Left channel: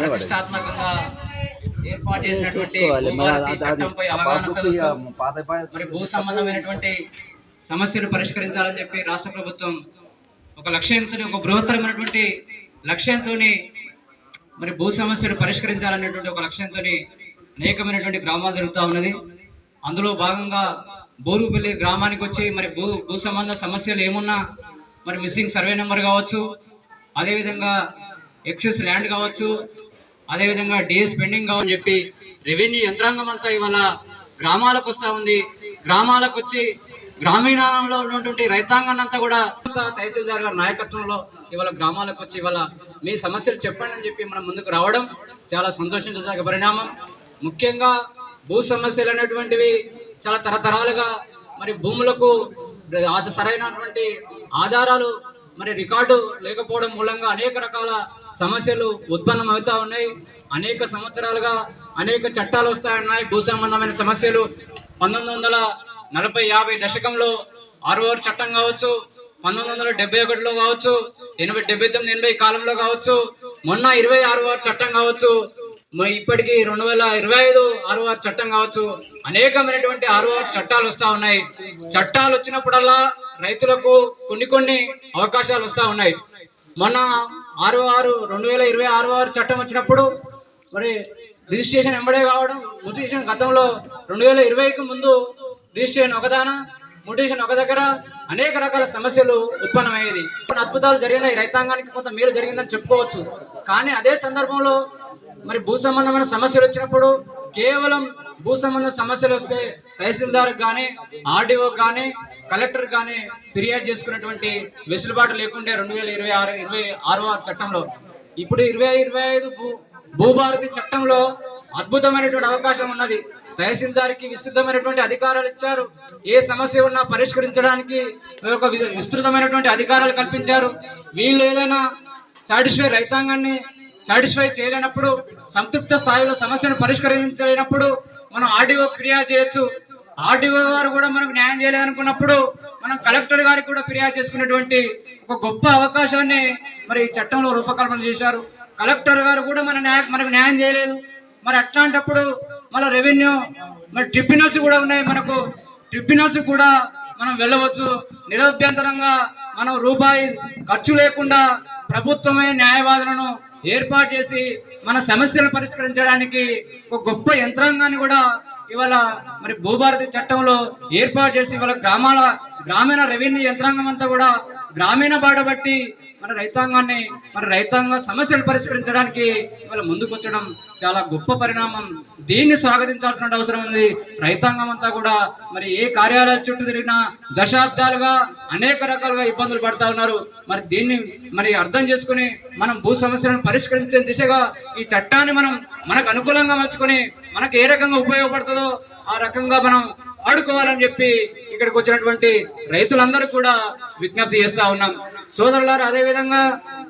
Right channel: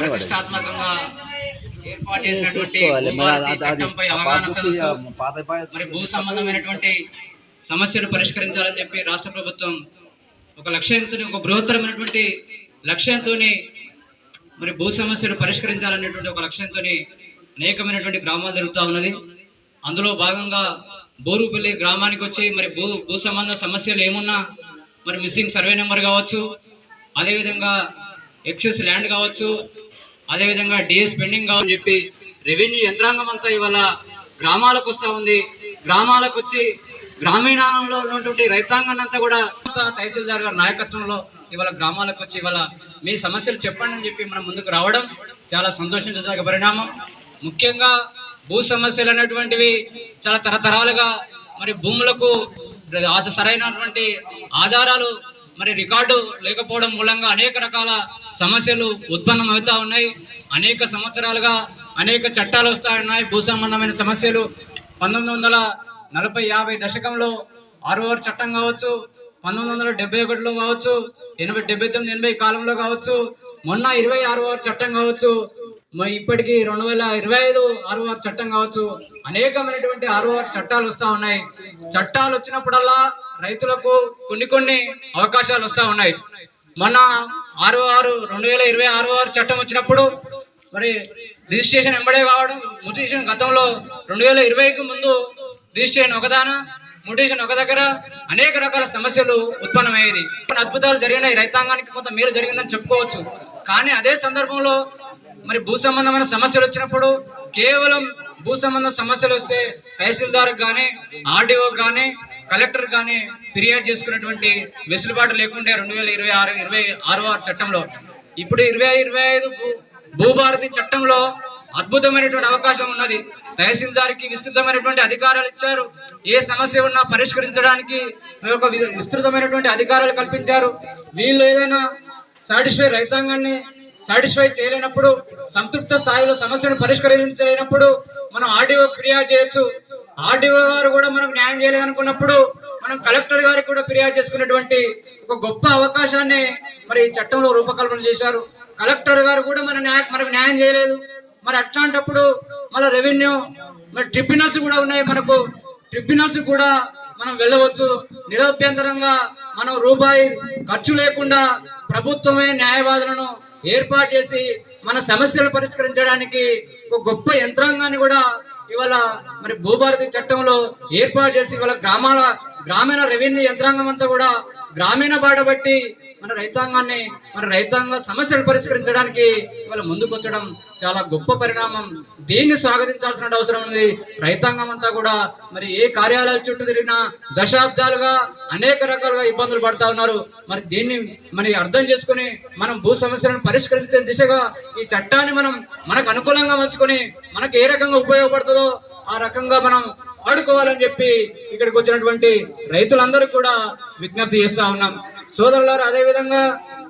ప్రతిష్టాత్మకంగా ఏర్పాటు చేసినటువంటి చట్టంపై అవగాహన సదస్సు మరి భూ సంబంధమైనటువంటి సమస్యలు పరిష్కరించాలని చెప్పి రాష్ట్ర ప్రభుత్వం ఒక లక్ష్యంతో, ఒక బృహత్తరమైనటువంటి లక్ష్యంతో మరి భూ సమస్యలు పరిష్కరించాలనేటువంటి ఒక లక్ష్యంతో అనేకమైనటువంటి గ్రామాలు జరుగుతూ ఉన్నది. అందులో భాగంగా బోరుపల్లి గ్రామానికి వచ్చి మరి భూ సంబంధ సమస్యలు ఏమున్నా మరి మిస్సింగ్ సర్వే నెంబర్ కావచ్చు, అదేవిధంగా ఎక్సెస్ ల్యాండ్ కావచ్చు, అదేవిధంగా డిఎస్ పెండింగ్ కావని చెప్పి రెవెన్యూ యంత్రాంగం అంతా ఇవాళ గ్రామాలకు వస్తూ ఉంది. గ్రామాలకు వచ్చి గ్రామీణంలో ఉన్నటువంటి రైతాంగాన్ని అంతా కూడా తహసీల్దార్ గారి నాయకత్వంలో ఇవాళ గ్రామాలకు వచ్చి ఇవాళ మీ సమస్యలు చెప్పండి అని చెప్పి మనం ముందుకు రావడం చాలా సంతోషించదగ్గ పరిణామం. ముఖ్యంగా భూ సమస్యలు అనేటువంటివి చాలా తరతరాలుగా మరి భూములకు సరైనటువంటి ఆధారాలు మరి రికార్డు లేకపోవడం మూలంగా అనేక రకాల సమస్యలు ఉత్పన్నం అవుతూ ఉన్నాయి. అనేక సంవత్సరాలుగా అనేక చట్టాలు వస్తూ ఉన్నాయి. భూ సంబంధమైన సమస్యలు 1940-50 దశకంలో 6వ చట్టం కావచ్చు, 1971లో కావచ్చు, 79-80 కాలంలో కావచ్చు, మొన్న 26వ చట్టం కావచ్చు, ఇప్పటికీ 2025 6వ చట్టం కావచ్చు, అనేకమైనటువంటి 6వ చట్టాలు వస్తూ ఉన్నాయి. చట్టాలు వచ్చినప్పుడల్లా రైతులకు కొన్ని అవకాశాలు వస్తూ ఉన్నాయి. మొన్న 2026 చట్టం వచ్చినప్పుడు మరి రిజిస్ట్రేషన్ ఎంబడే కావడం, మ్యూటేషన్ గతంలో 2020కి ముందు రిజిస్ట్రేషన్ ఒకదాన, మ్యూటేషన్ ఒక దగ్గర, అనేక రకాల సమస్యలు ఉత్పన్నమయ్యేది. అద్భుతాలు జరిగినాయి, రైతాంగానికి కొంత మేలు జరిగిందని చెప్పుకోవచ్చు. కానీ అదే సందర్భంలో మరి భూ సంబంధమైన సమస్యలు వచ్చినప్పుడు కేవలం భూ సంబంధ సమస్యలు వస్తే తహసీల్దార్కి కానీ, ఆర్డీఓకి కానీ, కలెక్టర్ కానీ ఫిర్యాదు చేసుకునేటువంటి వెసులుబాటు లేకుండే 2026వ చట్టంలో. ఇప్పుడు 2025 భూభారతి చట్టంలో అద్భుతమైనటువంటి అవకాశం ఉన్నది. తహసీల్దార్కి విస్తృతమైనటువంటి అధికారాలు ఇచ్చారు. ఏ సమస్య ఉన్నా పరిష్కరించడానికి ఒక విస్తృతమైనటువంటి అధికారాలు కల్పించారు. వీళ్ళు ఏదైనా రైతాంగాన్ని సాటిస్ఫై చేయలేనప్పుడు, సంతృప్త స్థాయిలో సమస్యను పరిష్కరించలేనప్పుడు మనం ఆర్డీఓ ఫిర్యాదు చేయొచ్చు. ఆర్డీఓ గారు కూడా మనకు న్యాయం చేయలేదనుకున్నప్పుడు మనం కలెక్టర్ గారికి కూడా ఫిర్యాదు చేసుకునేటువంటి ఒక గొప్ప అవకాశాన్ని మరి ఈ చట్టంలో రూపకల్పన చేశారు. కలెక్టర్ గారు కూడా మనకు న్యాయం చేయలేదు. మరి అట్లాంటప్పుడు మళ్ళీ రెవెన్యూ మరి ట్రిబ్యునల్స్ కూడా ఉన్నాయి. మనకు ట్రిబ్యునల్స్ కూడా మనం వెళ్ళవచ్చు. నిరభ్యంతరంగా మనం రూపాయి ఖర్చు లేకుండా ప్రభుత్వమే న్యాయవాదులను ఏర్పాటు చేసి మన సమస్యలు పరిష్కరించడానికి ఒక గొప్ప యంత్రాంగాన్ని కూడా ఇవాళ మరి భూభారతి చట్టంలో ఏర్పాటు చేసి ఇవాళ గ్రామీణ రెవెన్యూ యంత్రాంగం అంతా కూడా గ్రామీణ బాట బట్టి మన రైతాంగ సమస్యలు పరిష్కరించడానికి ఇవాళ ముందుకొచ్చడం చాలా గొప్ప పరిణామం. దీన్ని స్వాగతించాల్సిన అవసరం ఉంది. రైతాంగం అంతా కూడా మరి ఏ కార్యాలయాల చుట్టూ తిరిగినా దశాబ్దాలుగా అనేక రకాలుగా ఇబ్బందులు పడుతూ ఉన్నారు. మరి దీన్ని అర్థం చేసుకుని మనం భూ సమస్యలను పరిష్కరించే దిశగా ఈ చట్టాన్ని మనకు అనుకూలంగా మలుచుకొని మనకు ఏ రకంగా ఉపయోగపడుతుందో ఆ రకంగా మనం ఆడుకోవాలని చెప్పి ఇక్కడికి వచ్చినటువంటి రైతులందరూ కూడా విజ్ఞప్తి చేస్తూ ఉన్నాం. సోదరులారు, అదేవిధంగా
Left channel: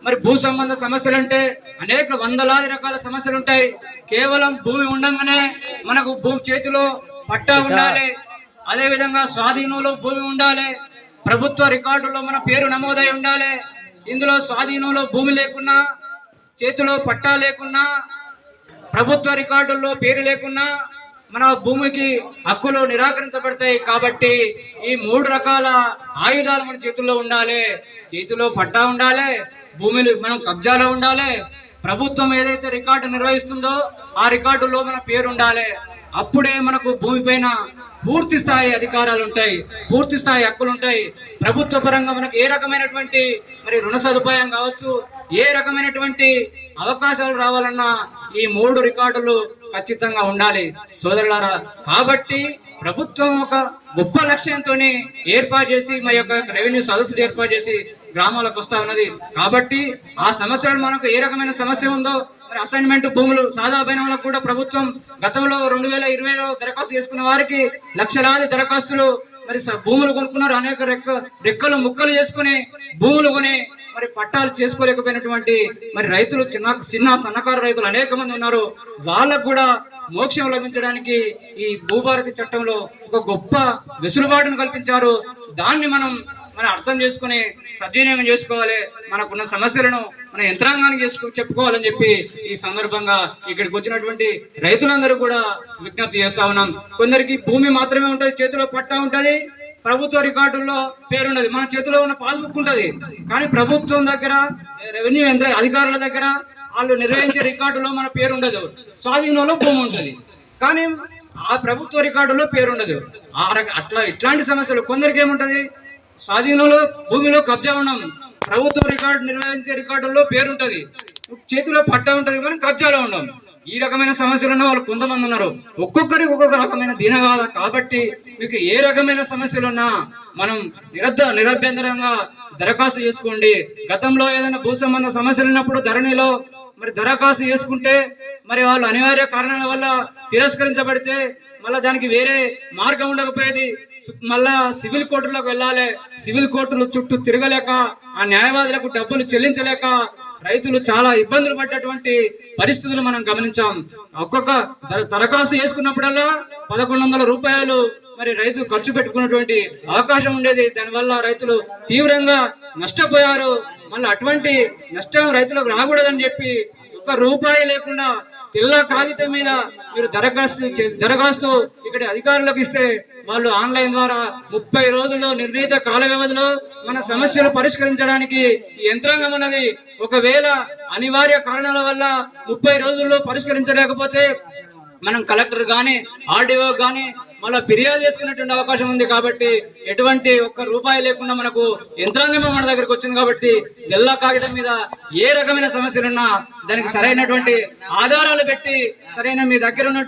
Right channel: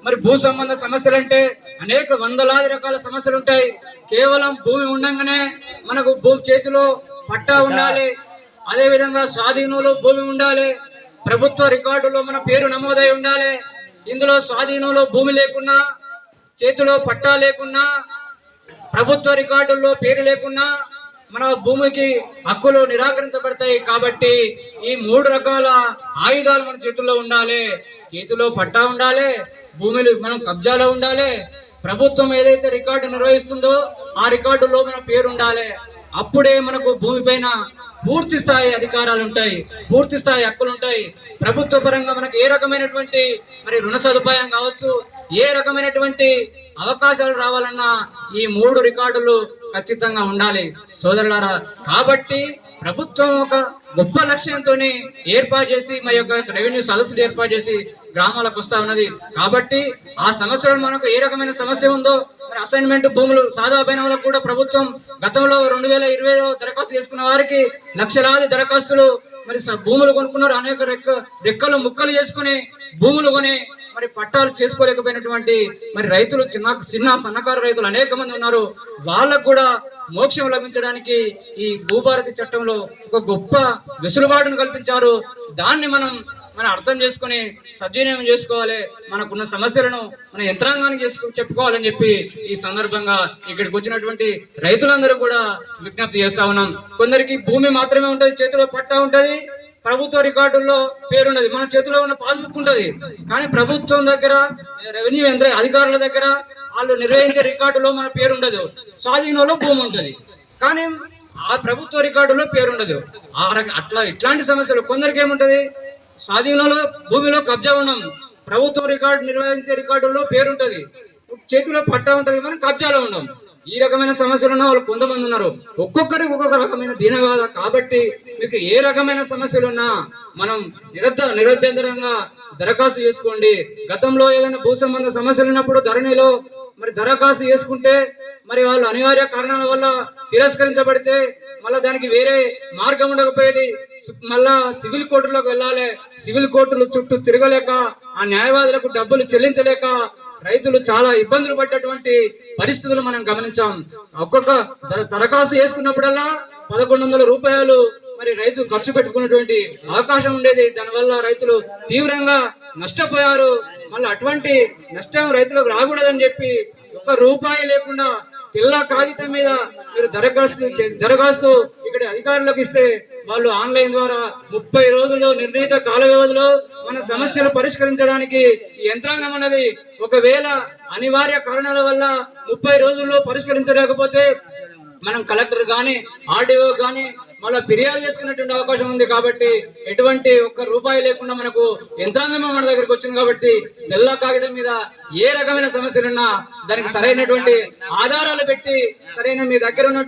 మరి భూ సంబంధ సమస్యలు అంటే అనేక వందలాది రకాల సమస్యలు ఉంటాయి. కేవలం భూమి ఉండగానే మనకు భూమి చేతిలో పట్టా ఉండాలి, అదేవిధంగా స్వాధీనంలో భూమి ఉండాలి, ప్రభుత్వ రికార్డులో మన పేరు నమోదై ఉండాలి. ఇందులో స్వాధీనంలో భూమి లేకున్నా, చేతిలో పట్టా లేకున్నా, ప్రభుత్వ రికార్డుల్లో పేరు లేకున్నా మన భూమికి హక్కులు నిరాకరించబడతాయి. కాబట్టి ఈ 3 రకాల ఆయుధాలు మన చేతుల్లో ఉండాలి. చేతిలో పట్టా ఉండాలి, భూమిని మనం కబ్జాలో ఉండాలి, ప్రభుత్వం ఏదైతే రికార్డు నిర్వహిస్తుందో ఆ రికార్డులో మన పేరు ఉండాలి. అప్పుడే మనకు భూమిపైన పూర్తి స్థాయి అధికారాలు ఉంటాయి, పూర్తి స్థాయి హక్కులు ఉంటాయి. ప్రభుత్వ పరంగా మనకు ఏ రకమైనటువంటి మరి రుణ సదుపాయం కావచ్చు, ఏ రకమైనటువంటి అవకాశాలు రావాలన్నా ఈ 3 రికార్డులు ఖచ్చితంగా ఉండాలి సోదరులారా. కాబట్టి ప్రభుత్వం ఒక గొప్ప లక్ష్యంతో ఏర్పాటు చేసి మరి యొక్క రెవెన్యూ సదస్సులు ఏర్పాటు చేసి గ్రామాలకు వస్తూ ఉన్నది. కాబట్టి ఆ సమస్యలు మనకు ఏ రకమైన సమస్య ఉందో మరి అసైన్మెంట్ భూములు సాదా బైనాలకు కూడా ప్రభుత్వం గతంలో 2020లో దరఖాస్తు చేసుకున్న వారికి లక్షలాది దరఖాస్తులు మరి భూములు కొనుక్కున్నారు. అనేక రెక్కలు ముక్కలు చేసుకుని భూములు కొని మరి పట్టాలు చేసుకోలేకపోయినటువంటి మరి రైతులు చిన్న సన్నకారు రైతులు అనేక మంది ఉన్నారు. వాళ్ళకు కూడా మోక్షం లభించడానికి ఈ భూభారతి చట్టంలో ఒక గొప్ప వెసులుబాటును కల్పించారు. దాన్ని మనం మనం అర్థం చేసుకొని సద్వినియోగం చేసుకోవాలి. మనకున్న సమస్యలను మన యంత్రాంగానికి చెప్పుకోవాలని చెప్పి ఈ సందర్భంగా ఇక్కడికి వచ్చినటువంటి రైతులందరూ కూడా విజ్ఞప్తి చేస్తా ఉన్నాం. కొందరికి భూమి మాత్రమే ఉంటుంది, చేతిలో పట్టా ఉంటుంది, ప్రభుత్వ రికార్డుల్లో పేరుండదు. మన చేతిలో ఉన్న పాస్బుక్ ఉంటుంది, కానీ ప్రభుత్వం దగ్గర రెవెన్యూ అధికారుల దగ్గర వాళ్ళు నిర్వహించే రికార్డులో మన పేరు ఉండదు. స్వాధీనంలో భూమి ఉంటుంది, కానీ ఆ ప్రభుత్వ రికార్డులో పేరు ఉండదు. ఇట్లాంటి సమస్యలు కొందరికి ఏముంటది, స్వాధీనంలో భూమిలో కబ్జా ఉన్నాం, ప్రభుత్వ రికార్డు నిర్వహించే రికార్డుల్లో పేరు ఉంటుంది, చేతిలో పట్టా ఉంటుంది, కానీ కబ్జాలో ఉన్నాం. ఈ రకమైన సమస్యలు వాళ్ళు కొంతమంది ఉన్నారు. ఒక్కొక్కరికి ఒక్కొక్క రకమైన దీనగాథ. కాబట్టి మీకు ఏ రకమైన సమస్యలు ఉన్నా మనం నిరభ్యంతరంగా దరఖాస్తు చేసుకోండి. గతంలో ఏదైనా భూ సంబంధ సమస్యలు ఉన్నప్పుడు ధరణిలో మరి దరఖాస్తు చేసుకుంటే మరి వాళ్ళు అనివార్య కారణాల వల్ల తిరస్కరించబడితే మళ్ళీ దానికి వేరే మార్గం ఉండకపోయేది. మళ్ళా సివిల్ కోర్టులకు వెళ్ళాలి. సివిల్ కోర్టుల చుట్టూ తిరగలేక ఆ న్యాయవాదులకు డబ్బులు చెల్లించలేక రైతులు చాలా ఇబ్బందులు పడ్డటువంటి పరిస్థితులు మనం గమనించాం. ఒక్కొక్క దరఖాస్తు చేసుకున్నప్పుడల్లా 1100 రూపాయలు మరి రైతు ఖర్చు పెట్టుకున్నటువంటి అవకాశం ఉండేది. దానివల్ల రైతులు తీవ్రంగా నష్టపోయారు. మళ్ళీ అటువంటి నష్టం రైతులకు రాకూడదని చెప్పి ₹1 లేకుండా తెల్ల కాగితం మీద మీరు దరఖాస్తు ఇక్కడ అధికారులకు ఇస్తే వాళ్ళు ఆన్లైన్ ద్వారా 30 రోజుల్లో నిర్ణీత కాల వ్యవధిలో మన సమస్యలు పరిష్కరించడానికి ఈ యంత్రాంగం అన్నది ఒకవేళ అనివార్య కారణాల వల్ల 30 రోజుల్లో పరిష్కరించలేకపోతే మనం కలెక్టర్ కానీ ఆర్డీఓ కానీ మళ్ళీ ఫిర్యాదు చేసుకునేటువంటి అవకాశం ఉంది. కాబట్టి ఎటువంటి ₹1 లేకుండా మనకు యంత్రాంగమే మన దగ్గరకు వచ్చింది. కాబట్టి తెల్ల కాగితం మీద ఏ రకమైన సమస్యలున్నా దానికి సరైనటువంటి ఆధారాలు పెట్టి సరైన మీ దగ్గర ఉన్న